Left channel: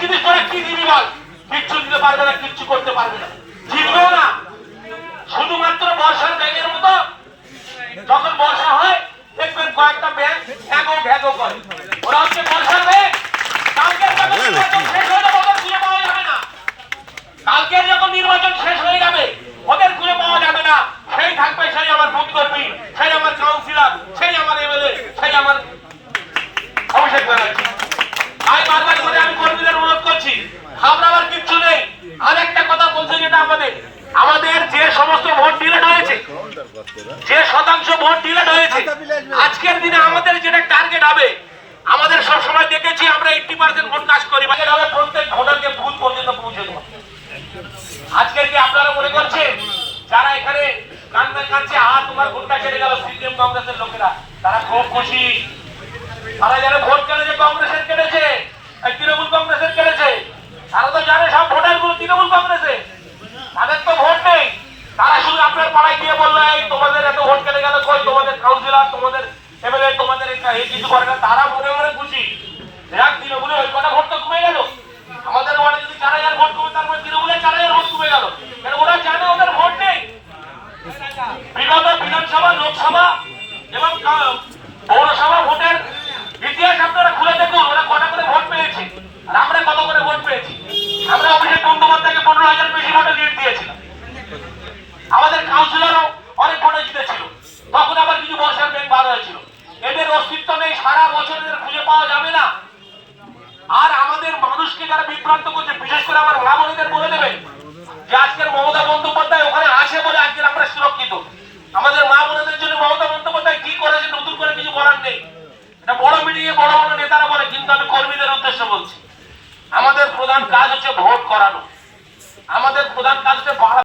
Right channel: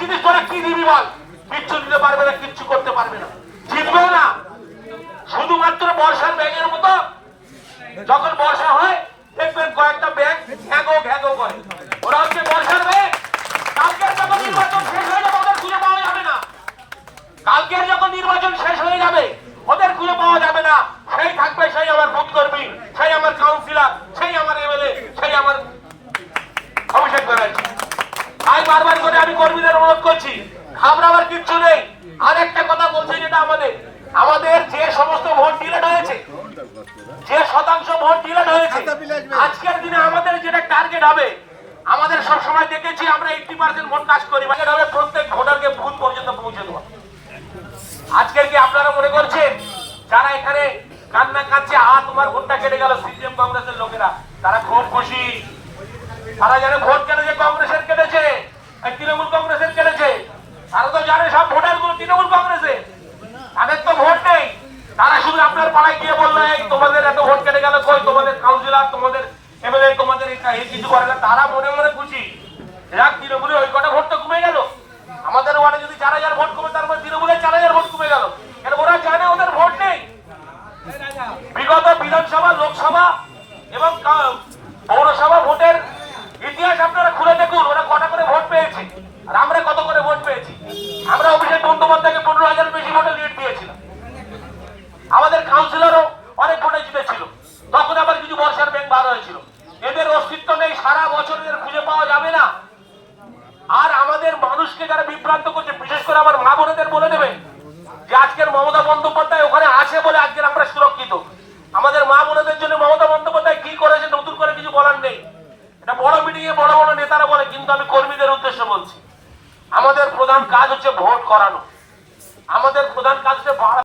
জিনিস করে কি দিবি বল? কিচ্ছু দিতে পারবে না, কিচ্ছু করতে পারবে না, জিতবেও না। শুধুমাত্র বর্ষার ব্যাগের মতো যখন বর্ষা হয় দেখবেন কয়েকটা ব্যাগ ঘ্যাগো ঘ্যাগো করে, ওরা হচ্ছে বর্ষার ব্যাগ। কালকের যখন নির্বাচন শেষ হয়ে যাবে ওদের খুঁজে পাওয়া যাবে না, কালকের যখন নির্বাচন শেষ হয়ে যাবে ওদের খুঁজে পাওয়া যাবে না। সেই থাকবে সেই আমার বুথ কর্মী, সেই আমার কাউন্সিলর, সেই আমার এমএলএ, সেই আমার অভিষেক ব্যানার্জি। আমি বারবার করে আমি কর্মীদের অনুরোধ করছি, ঘাবড়াবার কিচ্ছু নেই। আরেকটা কথা বলছি, যেটা আমাদের যে সমস্ত ভোট ডিলেট হয়েছে, যে শতাংশ ভোট ডিলেট হয়েছে, আজকের দিনে আমাদের যেটা টার্গেট হবে, আমাদের সবসময় দেখেছি আমরা 80% ভোট কাজ করি, প্রত্যেক ভোটারকে বুথ পর্যন্ত পৌঁছে দেওয়া। আজকের কি আপনারা মনে করছেন যারা এখানে কান্না কাঁদছে, তোমার ভোটটা কেটে গেল, সিপিএম কংগ্রেসের লোকেরা তারা খুব খুশি? তারা জানে ভোট কেটেছে কংগ্রেসের, কেটেছে তৃণমূল কংগ্রেসের কেটেছে, তারা তো জানে সব ভোটার গুলো তৃণমূল কংগ্রেসে, তাদের তো ভোট নেই। তারা শুধু আপনার পাড়ায় গিয়ে বললো এই তোমাদের এত ভোট কেটে গেল, কই তোমাদের কাউন্সিলর, তোমাদের এমএলএ, তোমাদের এই কিছু করে না। তারা মনে মনে খুশি, যাক তৃণমূলের ওই কটা ভোট তো কমে গেল। আমাদের ওয়ার্ডে যদি 4000 ভোট কমে, তার মানে তৃণমূলের 4000 ভোট কমে গেল। ওরা জানে ওদের ভোট নেই। বিগত বিধানসভা, লোকসভা এবং পৌরসভা ভোটের ইতিহাস আপনারা খুলে দেখুন, ওরা কটা করে ভোট পেয়েছে আর আমরা কত করে ভোট পেয়েছি। আমরা অভিষেক বন্দ্যোপাধ্যায়কে 15,000 বেশি ভোটে লিড দিয়েছিলাম। আমাদের কাউন্সিলরও অনেক ভোটে জিতেছিল, তখন আবার কিছু বর্ষার ব্যাংক বার হয়েছিল। এদের অস্তিত্ব নেই, সারা বছর এদের খুঁজে পাওয়া যাবে না। আর আমাদের মানুষকে যারা বিভ্রান্ত করছে, বিশেষ করে আমার মা বোনেদের বলে দেবেন যে আজকের মমতা বন্দ্যোপাধ্যায় ওখানে আছে বলে আজকের আমরা সুরক্ষিত। আমাদের মা বোনেদের জন্য মমতা বন্দ্যোপাধ্যায় কি করেছে নতুন করে কিছু বলার নেই। এটা বড় মিডিয়ে বড় বড় নেতারা বলে, কিন্তু আমি কর্মীদের উদ্দেশ্যে বলছি, আমাদের প্রধান কাজ হচ্ছে ভোট করানো। আমাদের প্রধান কাজ হচ্ছে